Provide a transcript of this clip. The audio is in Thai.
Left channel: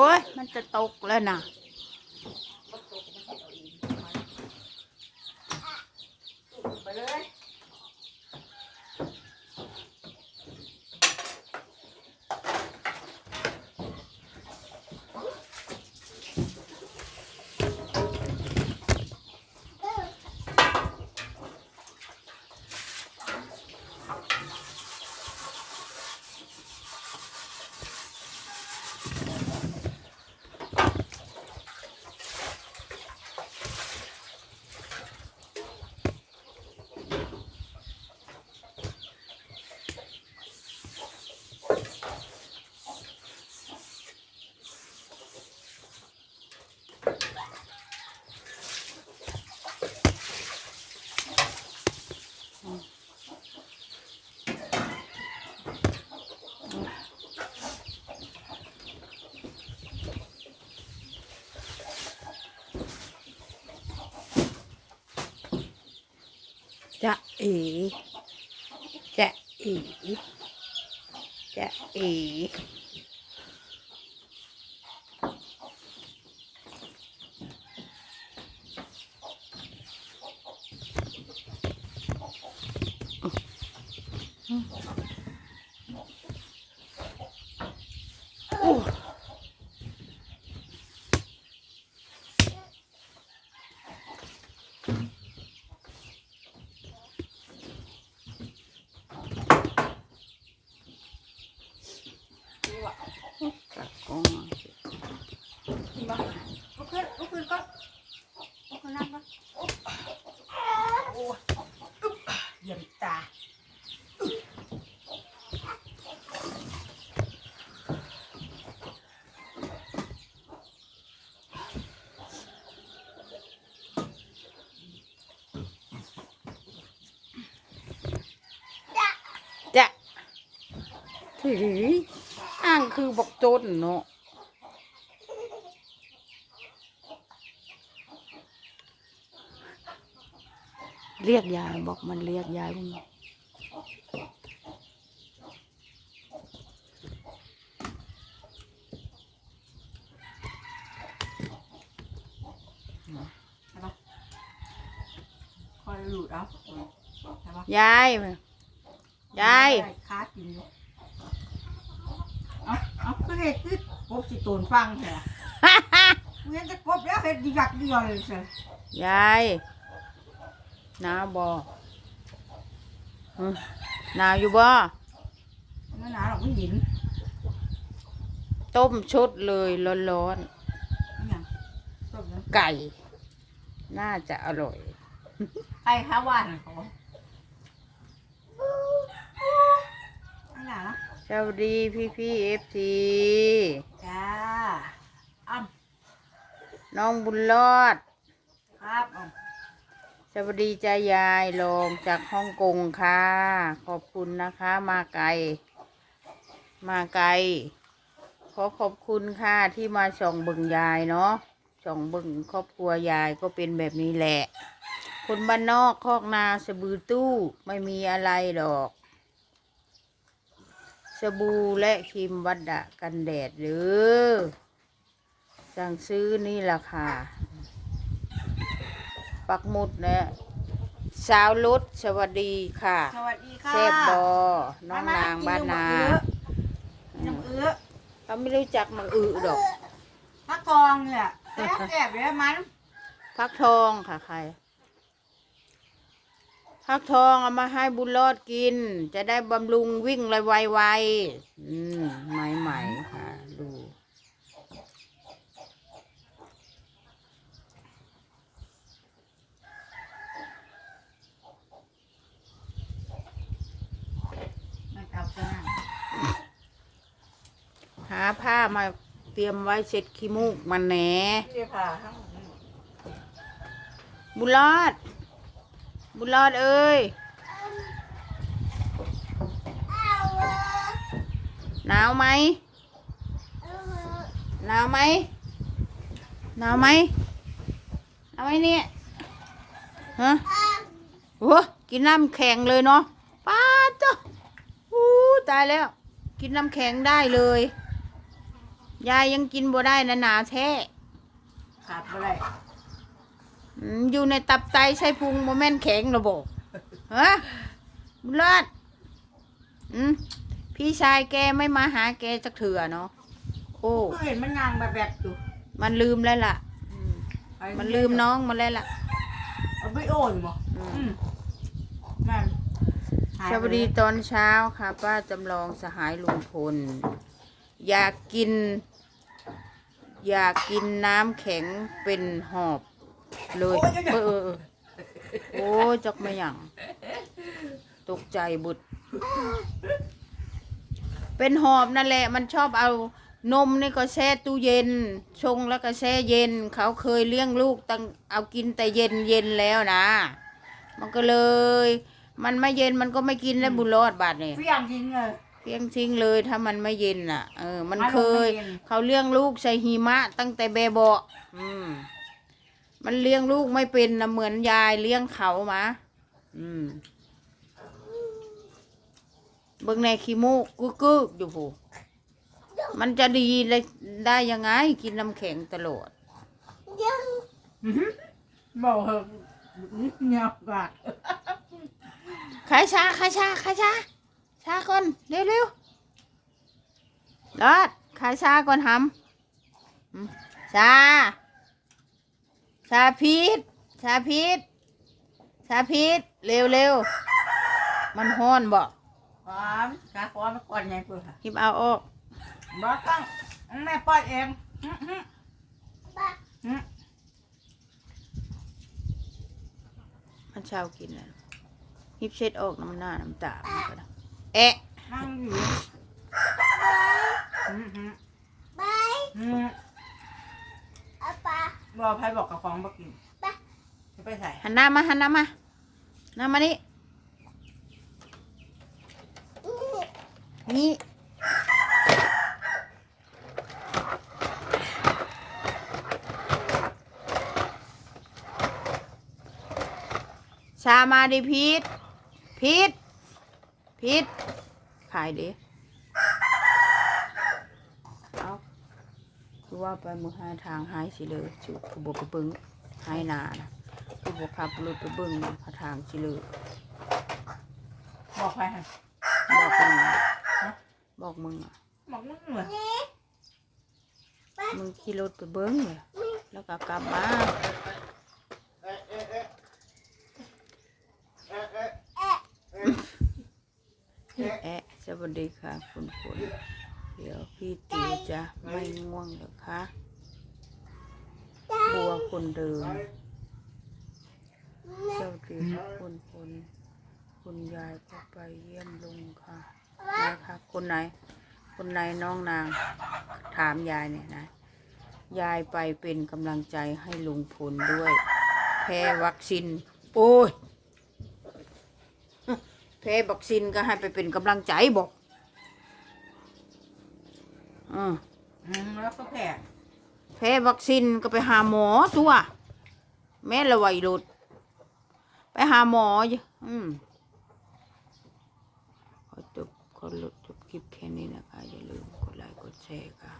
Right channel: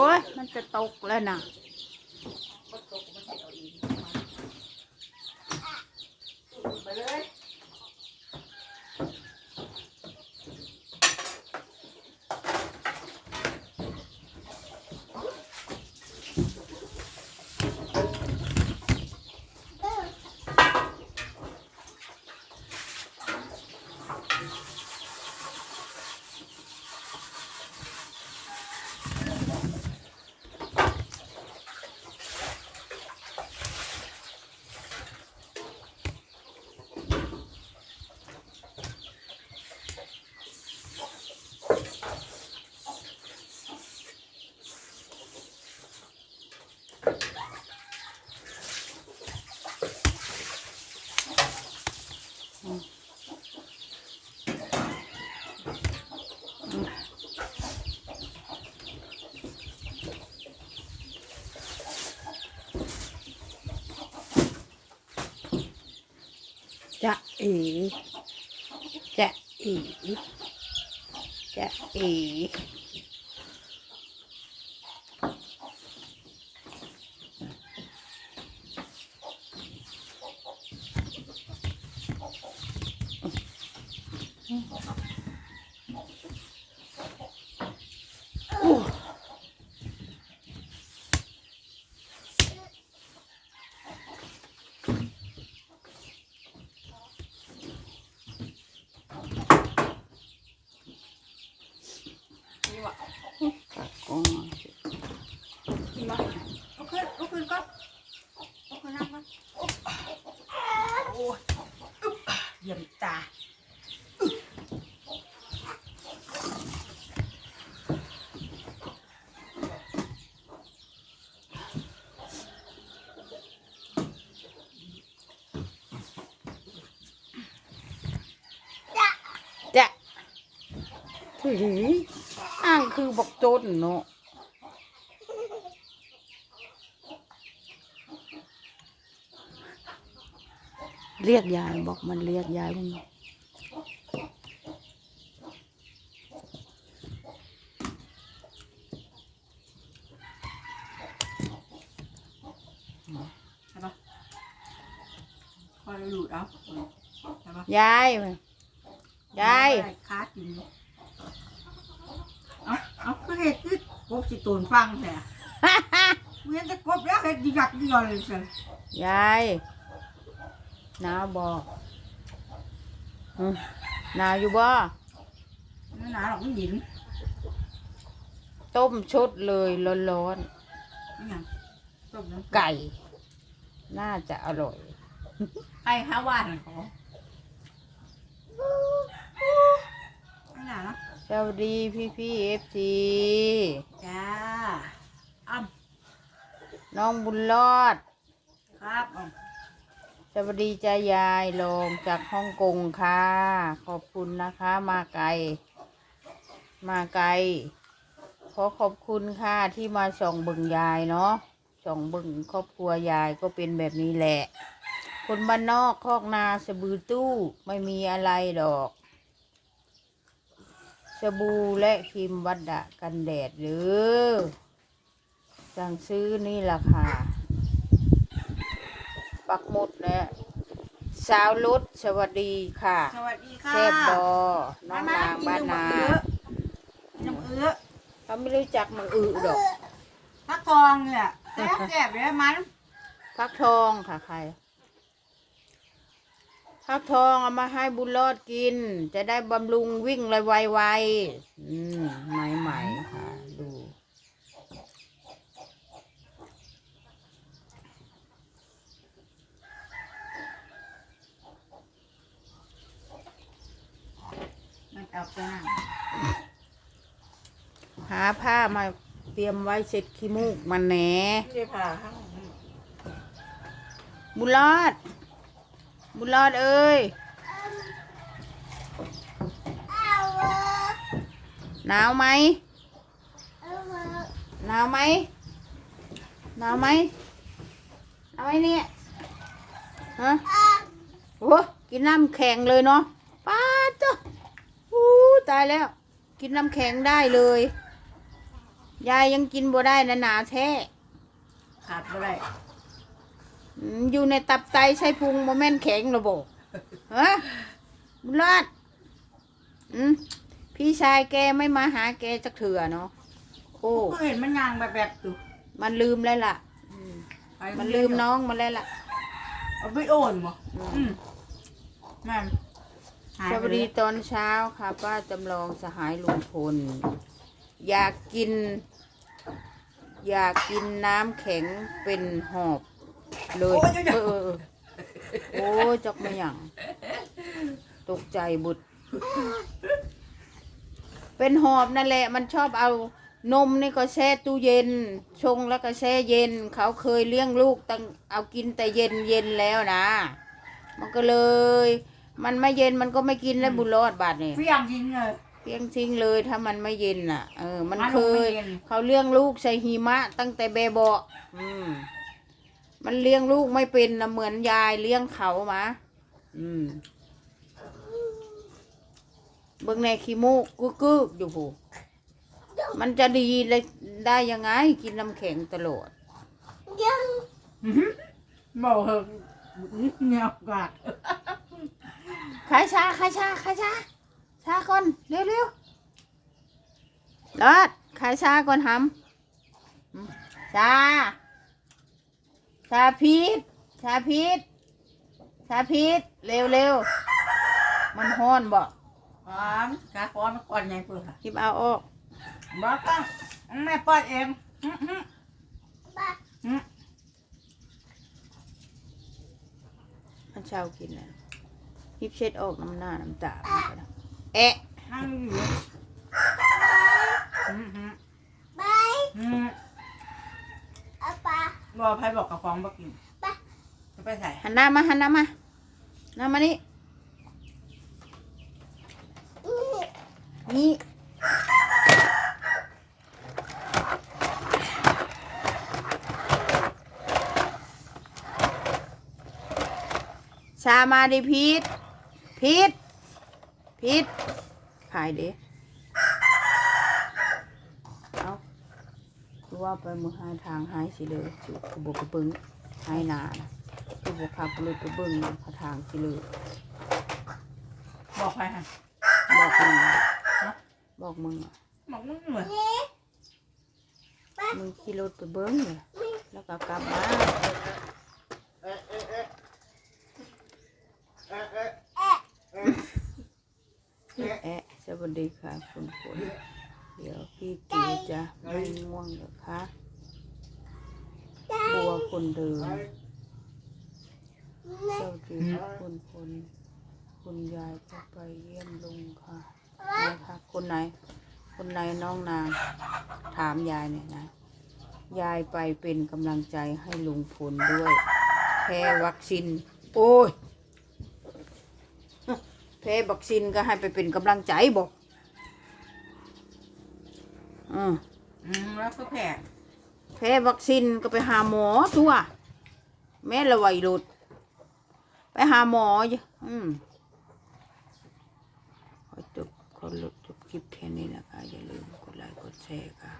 อ้ย มันจะตกแล้วนะ อีจะอีจะอี กะกองเอาสิ มาลุกขึ้นลุกขึ้นก่อนลุกขึ้นนั่งก่อน โอ้ยเยี่ยมตาจะถืออ้างคือบอกโจนเนาะ เรียกยายบอกมันเรียกยายมึงใช่ปะคอยหลุดเอาใช่ปะยายยายคากินอยู่เอาเอาก็เห็ดคือกบสิตูนฟังแต่เวียนแต่กบแล้วเห็ดดีกักดีกว่าเลยเชียวยาย หนาวบอหึหนาวอยู่บ่นั่นหนาหรอกมันดินต้มชุดเลยร้อนนี่ยังจบแล้วๆไก่ น่าจะอร่อยใครค้าว่านเขาไม่หนาเนาะสวัสดีพี่พี่เอฟซีจ้าอ้ำน้องบุญรอดครับอ้ำ สวัสดีจ้ายายลงจากฮ่องกงค่ะ ขอบคุณนะคะ มาไกล มาไกล ขอขอบคุณค่ะที่มาส่องบึงยายเนาะส่องบึงครอบครัวยายก็เป็นแบบนี้แหละ คนบ้านนอกคอกนาสบือตู้ไม่มีอะไรดอก สบู่และครีมวัดดะกันแดดหรือสั่งซื้อนี่ละค่ะ ปักหมุดเนี่ยสาวรุดสวัสดีค่ะสวัสดีค่ะแซ่บบอน้องนางบ้านนากินน้ำเอื้อเขาไม่รู้จักมังอือดอกฟักทองเนี่ยแซ่บแซ่บเลยมันพักทองค่ะใครพักทองเอามาให้บุญรอดกิน จะได้บำรุงวิ่งไวๆอืมใหม่ๆค่ะ ดู เอาจ้าหาผ้ามาเตรียมไว้เสร็จขี้มูกมันแหนเดี๋ยวผ่าทั้งบุญรอด บุญรอดเอ้ยหนาวไหมหนาวไหมหนาวไหมหนาวไหมเนี่ยฮะโอ้กินน้ำแข็งเลยเนาะ ตายแล้ว กินน้ำแข็งได้เลย ยายยังกินบ่ได้นะหนาแท้ขาดบ่ได้อืมอยู่ในตับไตใส่พุงโมแม่นแข็งระบบฮะบุญรอดอืมพี่ชายแกไม่มาหาแกจักเถื่อเนาะโอ้ก็เห็นมันยางแบบแบบอยู่มันลืมแล้วล่ะอืมไปมันลืมน้องมันแล้วล่ะ เอาไปโอนบ่อืมอืมแม่น หายสไปวัสเลดียตอนเช้าค่ะ ป้าจำลองสหายลุงพล อยากกิน อยากกินน้ำแข็งเป็นหอบ เลยเออเออเออโอ้จักไม่หยังตกใจบุตร เป็นหอบนั่นแหละ มันชอบเอานมนี่ก็แช่ตู้เย็น ชงแล้วก็แช่เย็น เขาเคยเลี้ยงลูกตั้งเอากินแต่เย็นเย็นแล้วนะ มันก็เลย มันไม่เย็นมันก็ไม่กินแล้วบุญรอดบาดเนี่ย เฟี้ยงทิ้งเลยเพียงทิ้งเลยถ้ามันไม่เย็นน่ะ เออ มันอารเคมณ์ไม่ย เย็น เขาเลี้ยงลูกใส่หิมะ ตั้งแต่เบเบาะอืม มันเลี้ยงลูกไม่เป็นนะเหมือนยายเลี้ยงเขามาอืม เบิ่งในขี้มูกกึกกึกอยู่ผูมันจะดีได้ได้ยังไง กินน้ำแข็งตลอด อื้อหือบอกเหอะเงียบกาด ขายชาขายชาขายชาชาก่อนเร็วเร็วรอดขายชาก่อนหำอืมชา ชาพีชชาพีชชาพีชเร็วเร็วมันห้อนบอกก่อนกาก้อนมาก่อนไงเพื่อหยิบเอาออกบอกต้องแม่ป้อนเองอื้อหืออื้อมันเช้ากินอะห ยิบเช็ดออกน้ำหน้าน้ำตามันก็ได้แอะนั่งอยู่อื้อหืออื้อบอกใครบอกกับฟองบอกกินจะไปใส่หันหน้ามาหันหน้ามาหน้ามานี่นี่ชามาดิพีท พีทพีทขายดิเอาคือว่าไปมือหายทางหายสิเลยจุกระบอกกระเบิงหายหนานะคือบอกขับรถไปเบิ้งพระทางสิเลยบอกใครฮะบอกมึงฮะบอกมึงอะบอกมึงเหมือนมึงขี่รถไปเบิ้งเลยแล้วก็กลับมา แอะสวัสดีค่ะคุณฝนเดี๋ยวพี่ตีจะไม่ง่วงหรอคะบัวคนเดิมสวัสดีค่ะคุณฝนคุณยายก็ไปเยี่ยมลุงค่ะนะคะคนไหน คนไหนน้องนาง ถามยายเนี่ยนะ ยายไปเป็นกำลังใจให้ลุงพลด้วย แพ้วัคซีนโอ้ย แพ้วัคซีนก็ให้ไปเป็นกำลังใจบอกอืมอืมแล้วก็แผ่แพ้วัคซีนก็ไปหาหมอตัว แม่ละไวยหลุด ไปหาหมออยู่อืมขอจบขอลดจบคลิปแค่นี้นะคะ อย่าลืมกดไลค์กดแชร์ค่ะ